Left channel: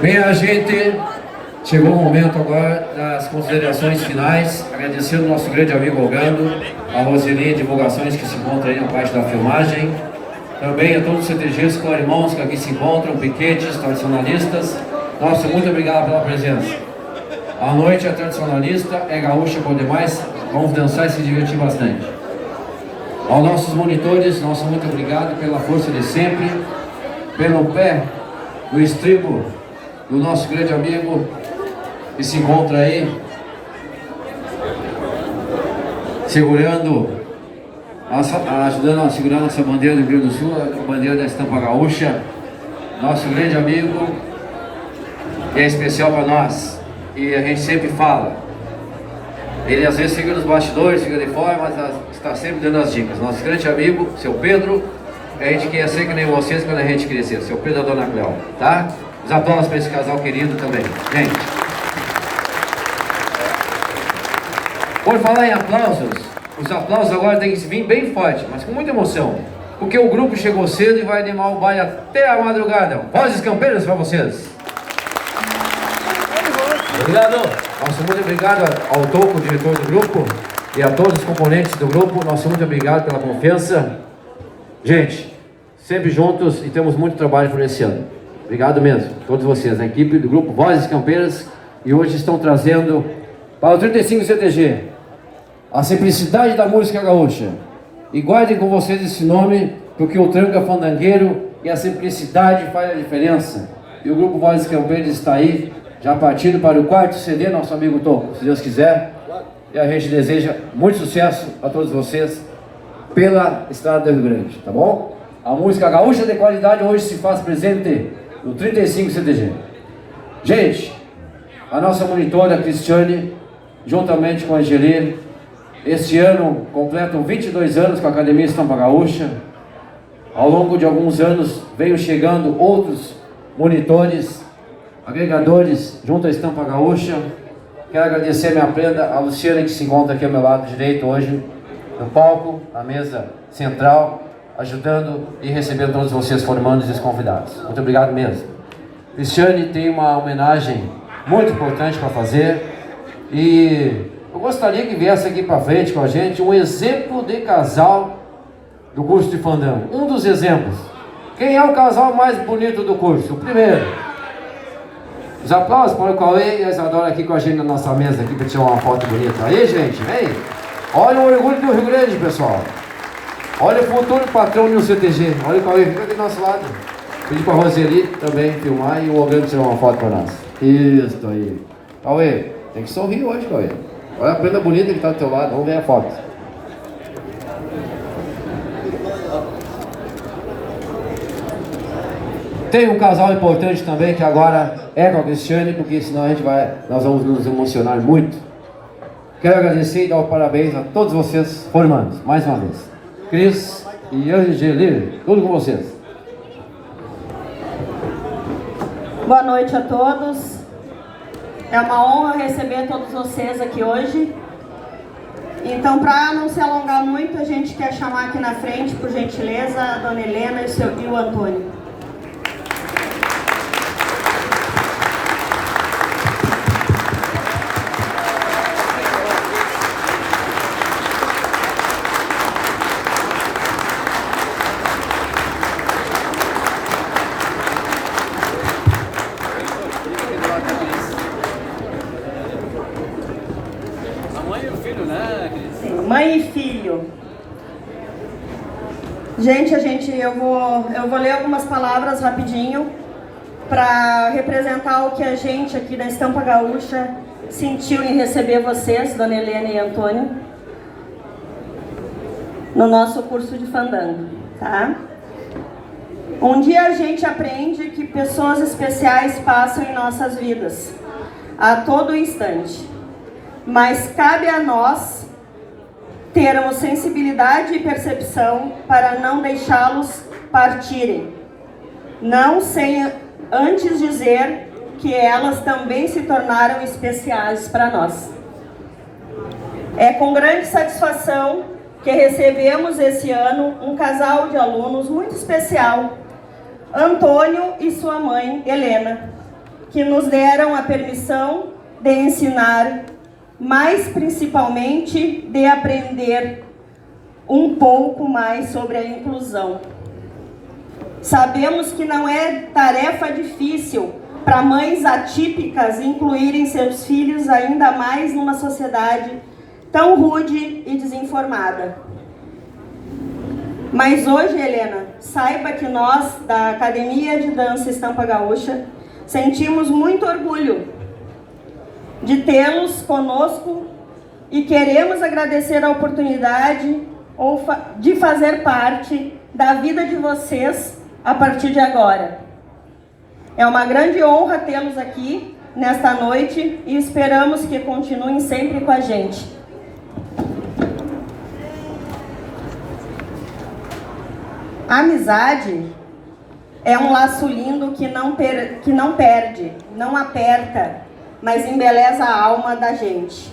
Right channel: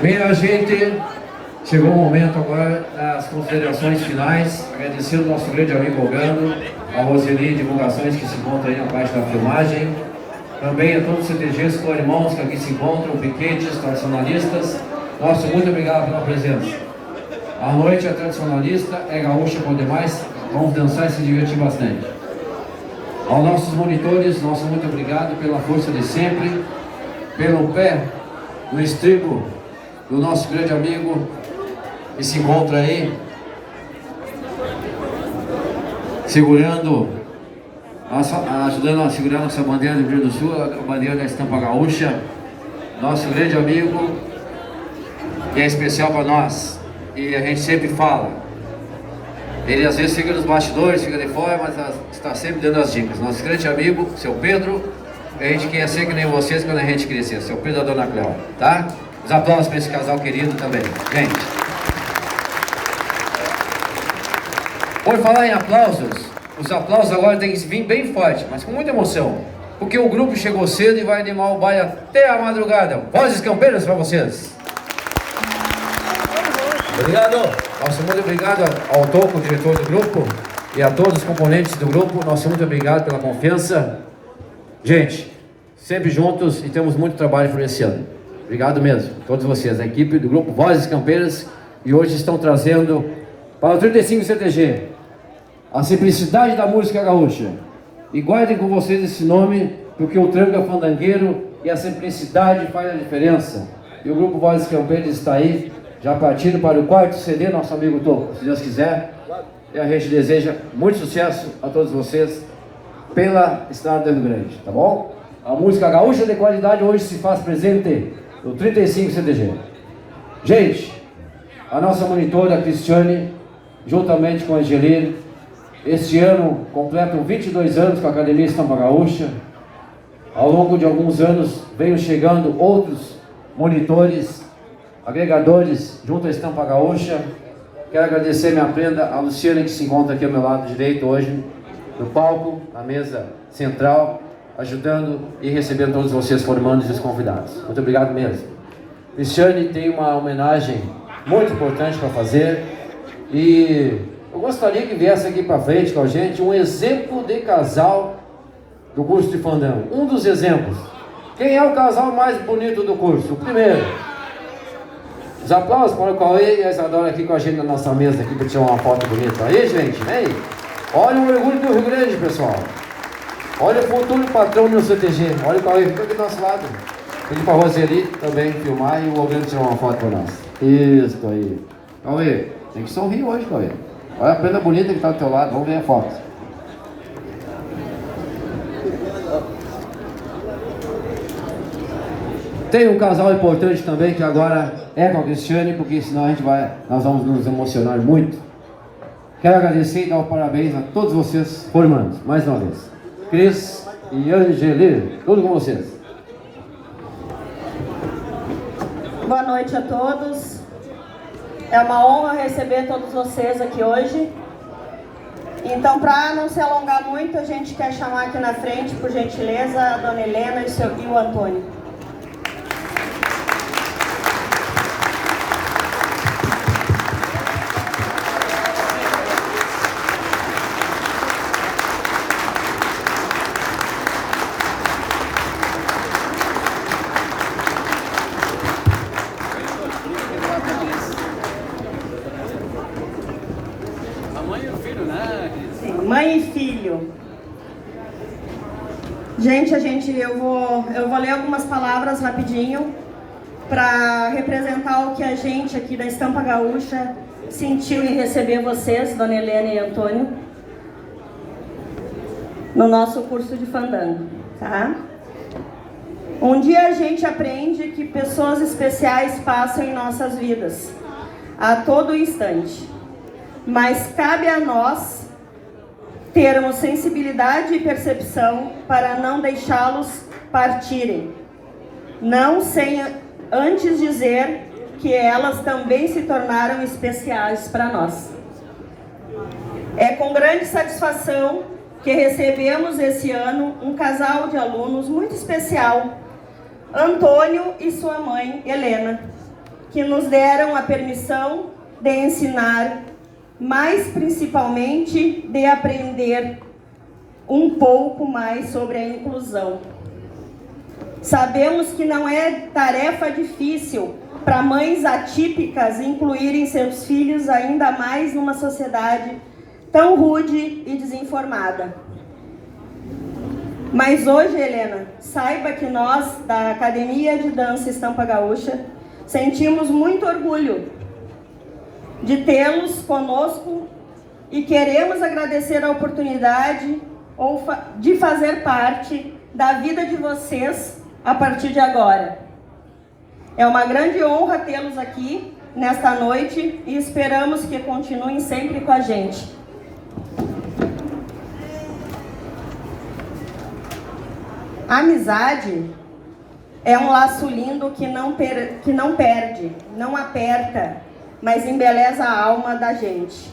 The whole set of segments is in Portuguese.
Bem, a gente chegou o momento agora das considerações finais, agradecendo ao nosso grande amigo Ogando, a Roseli Divulgações, que se encontra aí na parte da filmagem, também a todos os CTGs com irmãos que aqui se encontram, piquetes, tradicionalistas. Nosso muito obrigado pela presença. A noite é tradicionalista, é gaúcha por demais, vamos dançar e se divertir bastante. Aos nossos monitores, nosso muito obrigado pela força de sempre, pelo pé no estribo do nosso grande amigo que se encontra aí segurando, ajudando a segurar nossa bandeira do Rio Grande do Sul, a bandeira da estampa gaúcha, nosso grande amigo, que é especial para nós, e a gente sempre fala, ele às vezes fica nos bastidores, fica de fora, mas está sempre dando as dicas. Nosso grande amigo, seu Pedro, a gente quer ser que nem vocês quando a gente crescer, seu Pedro e a dona Cléo, tá? Os aplausos para esse casal querido também, gente. Por falar em aplausos, os aplausos agora tem que vir bem forte, mas com muita emoção, porque o grupo chegou cedo e vai animar o baile até a madrugada. Vozes campeiras para vocês. Obrigado. Nosso muito obrigado ao Toco, diretor do grupo, e a todos os componentes do grupo. Nosso muito obrigado pela confiança. Gente, sempre juntos e temos muito trabalho por esse ano. Obrigado mesmo, todos vocês, a equipe do grupo Vozes Campeiras, e hoje estão trazendo para o 35 CTG a simplicidade da música gaúcha. E guardem com vocês esse nome, porque o tranca fandangueiro e a simplicidade faz a diferença. E o grupo Vozes Campeiras está aí, já partindo para o quarto CD, nosso amigo Toco, se Deus quiser. E a gente deseja muito sucesso a todos vocês pela estrada do Rio Grande, tá bom? A música gaúcha de qualidade hoje se faz presente no 35 CTG. Gente, a nossa monitora Cristiane, juntamente com a Angelir, este ano completam 22 anos com a Academia Estampa Gaúcha. Ao longo de alguns anos veio chegando outros monitores, agregadores junto à Estampa Gaúcha. Quero agradecer a minha prenda, a Luciana, que se encontra aqui ao meu lado direito hoje no palco, a mesa central, ajudando e recebendo todos vocês, formandos e os convidados. Muito obrigado mesmo. Cristiane tem uma homenagem muito importante para fazer, e eu gostaria que viesse aqui para frente com a gente um exemplo de casal do curso de fandango. Um dos exemplos. Quem é o casal mais bonito do curso? O primeiro. Os aplausos para o Cauê e a Isadora aqui com a gente na nossa mesa aqui para tirar uma foto bonita. Aí, gente, vem. Olha o orgulho do Rio Grande, pessoal. Olha o futuro patrão no CTG. Olha o Cauê, fica aqui do nosso lado. Pedi para a Roseli também filmar e o Ogando tirar uma foto para nós. Isso aí. Cauê, tem que sorrir hoje, Cauê. Olha a prenda bonita que está do teu lado. Vamos ver a foto. Tem um casal importante também que agora é com a Cristiane, porque senão nós vamos nos emocionar muito. Quero agradecer e dar os parabéns a todos vocês formandos, mais uma vez. Cris e Angeli, tudo com vocês. Boa noite a todos. É uma honra receber todos vocês aqui hoje. Então, para não se alongar muito, a gente quer chamar aqui na frente, por gentileza, a dona Helena e o Antônio. Mãe e filho. Gente, eu vou ler algumas palavras rapidinho para representar o que a gente aqui da Estampa Gaúcha sentiu em receber vocês, dona Helena e Antônio, no nosso curso de fandango, tá? Um dia a gente aprende que pessoas especiais passam em nossas vidas, a todo instante, mas cabe a nós termos sensibilidade e percepção para não deixá-los partirem, não sem antes dizer que elas também se tornaram especiais para nós. É com grande satisfação que recebemos esse ano um casal de alunos muito especial, Antônio e sua mãe, Helena, que nos deram a permissão de ensinar, mas principalmente de aprender um pouco mais sobre a inclusão. Sabemos que não é tarefa difícil para mães atípicas incluírem seus filhos ainda mais numa sociedade tão rude e desinformada. Mas hoje, Helena, saiba que nós, da Academia de Dança Estampa Gaúcha, sentimos muito orgulho de tê-los conosco e queremos agradecer a oportunidade de fazer parte da vida de vocês a partir de agora. É uma grande honra tê-los aqui nesta noite e esperamos que continuem sempre com a gente. A amizade é um laço lindo que não perde, não aperta, mas embeleza a alma da gente.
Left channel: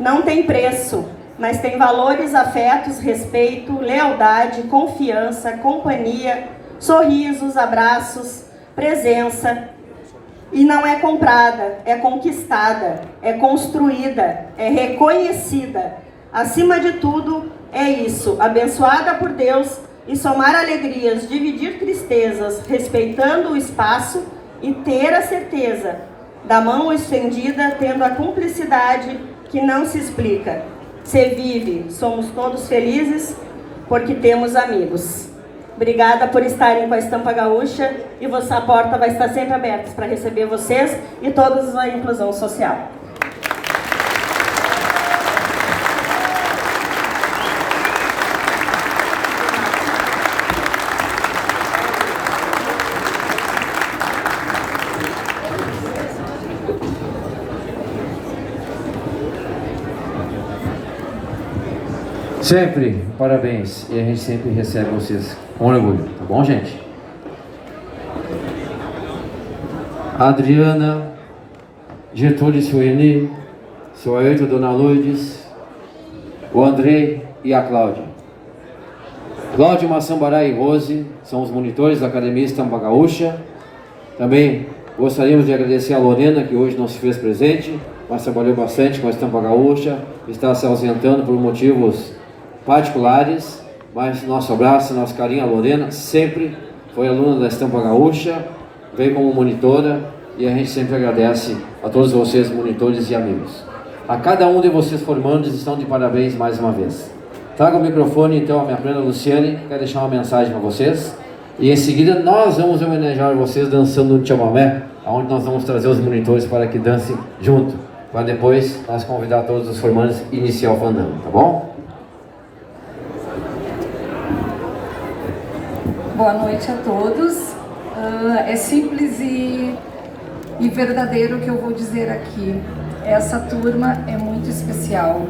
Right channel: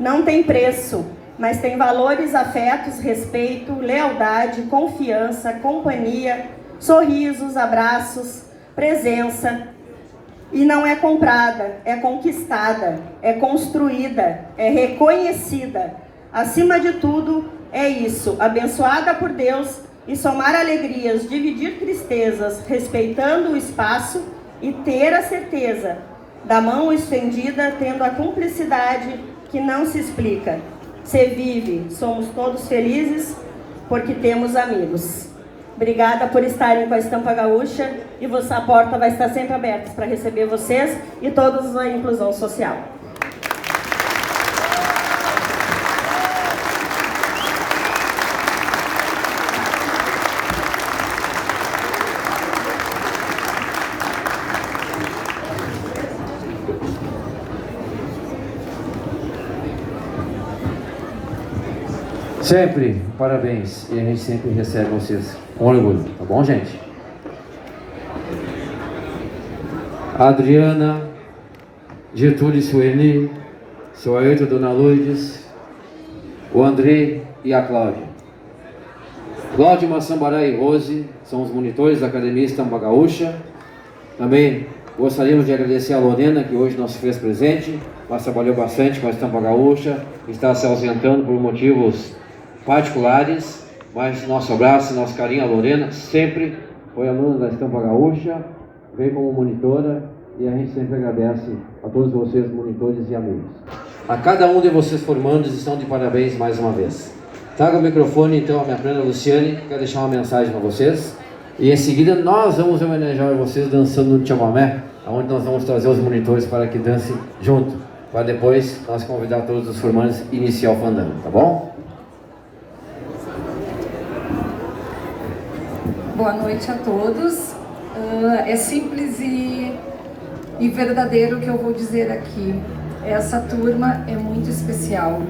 Não tem preço, mas tem valores, afetos, respeito, lealdade, confiança, companhia, sorrisos, abraços, presença. E não é comprada, é conquistada, é construída, é reconhecida. Acima de tudo, é isso, abençoada por Deus e somar alegrias, dividir tristezas, respeitando o espaço e ter a certeza da mão estendida, tendo a cumplicidade que não se explica. Se vive, somos todos felizes porque temos amigos. Obrigada por estarem com a Estampa Gaúcha e a porta vai estar sempre aberta para receber vocês e todos da inclusão social. Sempre, parabéns. E a gente sempre recebe vocês com orgulho, tá bom, gente? A Adriana, Getúlio e Sueli, seu Ailton, Dona Lourdes, o André e a Cláudia. Cláudia, Massambará e Rose são os monitores da Academia Estampa Gaúcha. Também gostaríamos de agradecer a Lorena, que hoje não se fez presente, mas trabalhou bastante com a Estampa Gaúcha, está se ausentando por motivos particulares, mas nosso abraço, nosso carinho. A Lorena sempre foi aluna da Estampa Gaúcha, veio como monitora e a gente sempre agradece a todos vocês, monitores e amigos. A cada um de vocês formandos estão de parabéns mais uma vez. Traga o microfone então a minha prima Luciane, que quer deixar uma mensagem para vocês. E em seguida nós vamos homenagear vocês dançando no chamamé, onde nós vamos trazer os monitores para que dancem junto, para depois nós convidar todos os formandos a iniciar o fandango, tá bom? Boa noite a todos. É simples e verdadeiro o que eu vou dizer aqui. Essa turma é muito especial.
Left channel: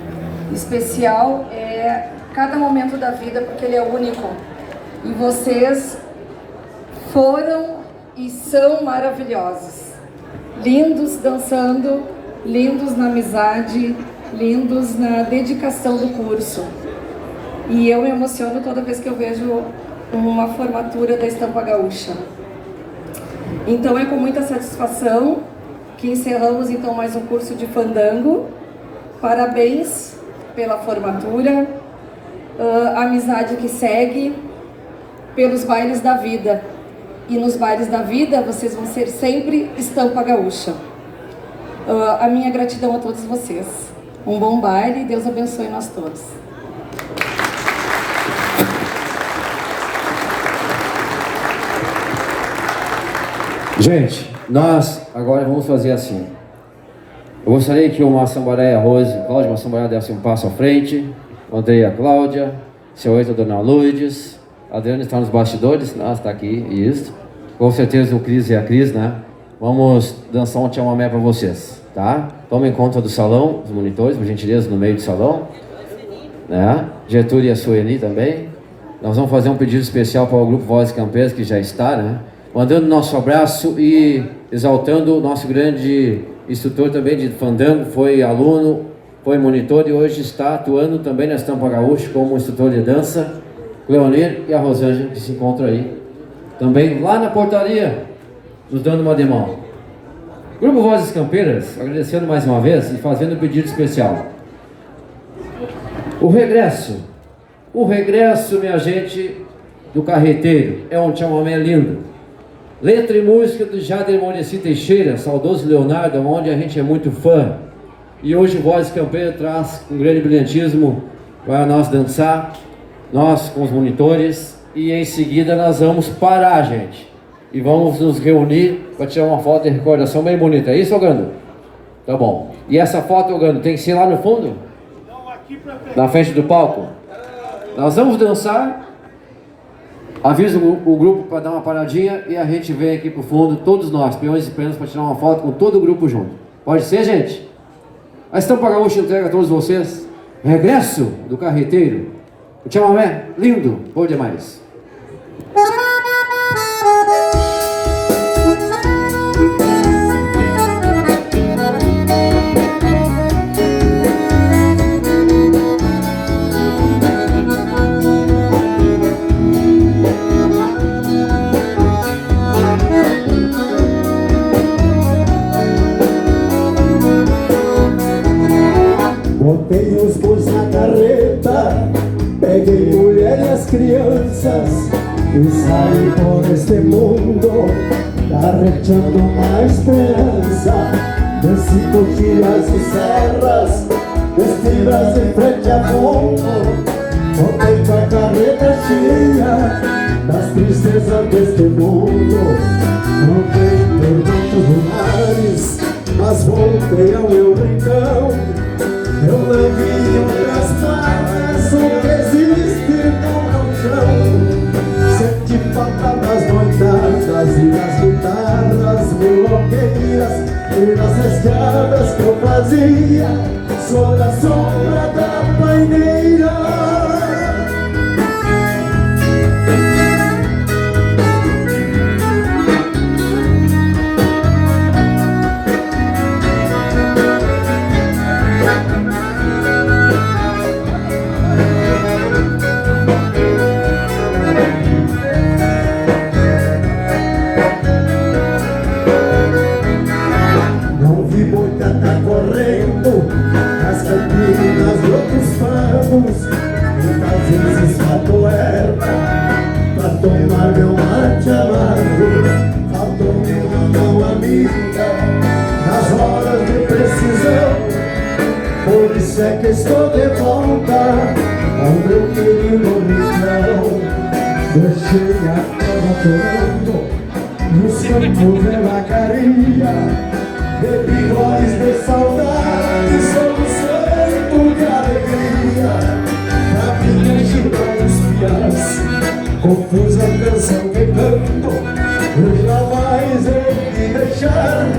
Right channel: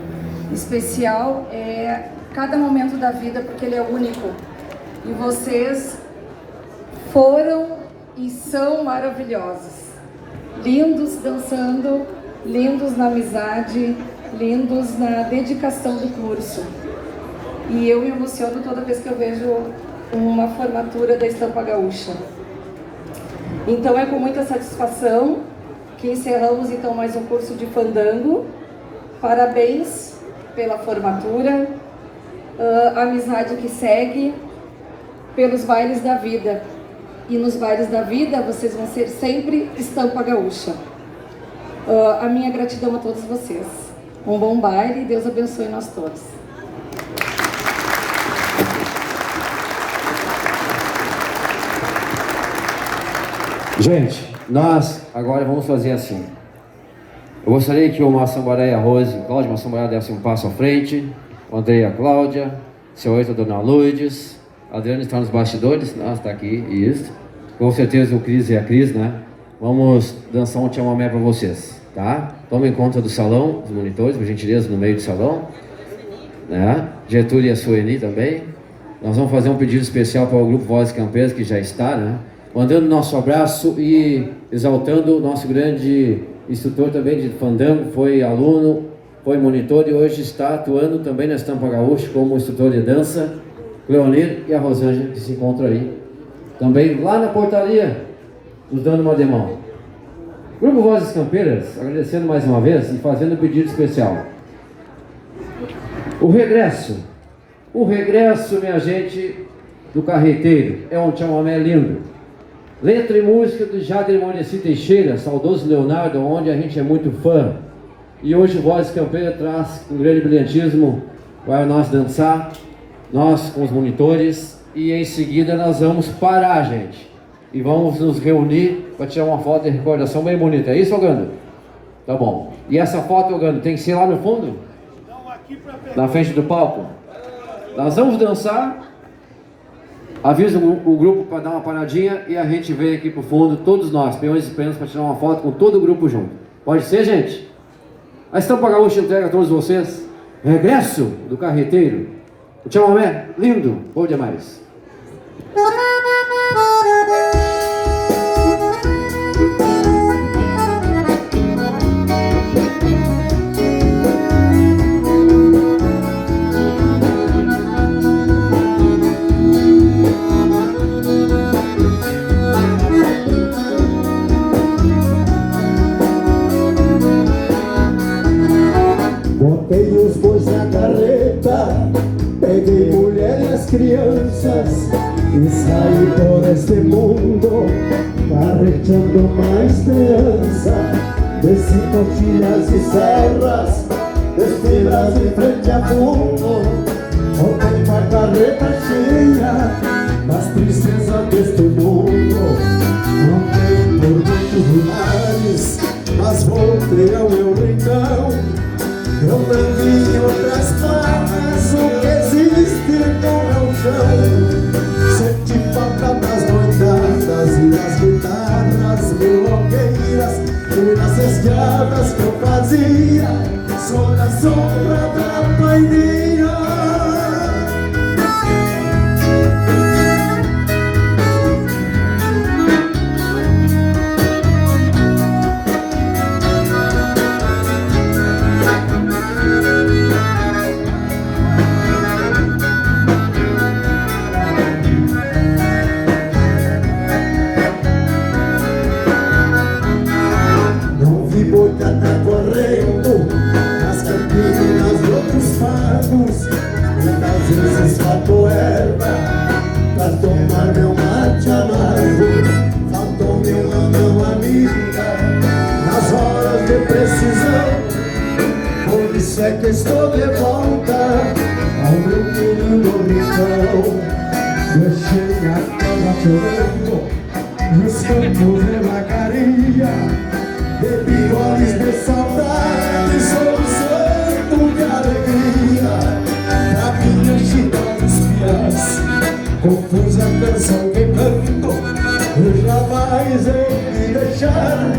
Especial é cada momento da vida, porque ele é único. E vocês foram e são maravilhosos. Lindos dançando, lindos na amizade, lindos na dedicação do curso. E eu me emociono toda vez que eu vejo uma formatura da Estampa Gaúcha. Então é com muita satisfação que encerramos então mais um curso de fandango. Parabéns pela formatura, a amizade que segue, pelos bailes da vida. E nos bailes da vida vocês vão ser sempre Estampa Gaúcha. A minha gratidão a todos vocês. Um bom baile e Deus abençoe nós todos. Gente, nós agora vamos fazer assim. Eu gostaria que o Massambará e a Rose, Cláudia Massambará desse um passo à frente, o André e a Cláudia, seu Ailton, Dona Lourdes, a Adriana está nos bastidores, não, está aqui, isso. Com certeza o Cris e a Cris, né? Vamos dançar um chamamé para vocês, tá? Tomem conta do salão, dos monitores, por gentileza, no meio do salão, né? Getúlio e a Sueli também. Nós vamos fazer um pedido especial para o grupo Vozes Campeiras, que já está, né? mandando nosso abraço e exaltando o nosso grande instrutor também de fandango, foi aluno, foi monitor e hoje está atuando também na Estampa Gaúcha como instrutor de dança, Leonir, e a Rosângela, que se encontra aí também lá na portaria, nos dando uma de mão. Grupo Vozes Campeiras, agradecendo mais uma vez e fazendo um pedido especial. O regresso, minha gente, do Carreteiro, é um chamamé lindo. Letra e música do Jader Monesi Teixeira, saudoso Leonardo, onde a gente é muito fã. E hoje Vozes Campeiras traz um grande brilhantismo para nós dançar, nós com os monitores, e em seguida nós vamos parar, gente. E vamos nos reunir para tirar uma foto de recordação bem bonita. É isso, Ogando? Tá bom. E essa foto, Ogando, tem que ser lá no fundo? Não, aqui pra frente. Na frente do palco? Nós vamos dançar. Avisa o grupo para dar uma paradinha e a gente vem aqui pro fundo, todos nós, peões e peões, para tirar uma foto com todo o grupo junto. Pode ser, gente? A Estampa Gaúcha entrega a todos vocês. Regresso do Carreteiro. O chamamé, lindo, bom demais. Botei os bois na carreta, peguei mulher e as crianças e saí por este mundo, carregando uma esperança. Desci coxilhas e serras, espiras em frente a fundo. Voltei com a carreta cheia das tristezas deste mundo. Voltei por muitos lugares, mas voltei ao meu rincão. Eu não vi outras partes, só existe no chão. Senti falta das noitadas e das guitarras meloqueiras e das escadas que eu fazia sobre a sombra da paineira. Correndo as campinas de outros pagos, muitas vezes faltou erva pra tomar meu mate amargo. Faltou-me uma mão amiga nas horas de precisão. Por isso é que estou de volta ao meu querido rincão. Deixei a terra chorando e os campos de vacaria. Bebi goles de saudade, soluçando de alegria. Na minha chica dos piás, confusa canção que canto, eu jamais hei de deixar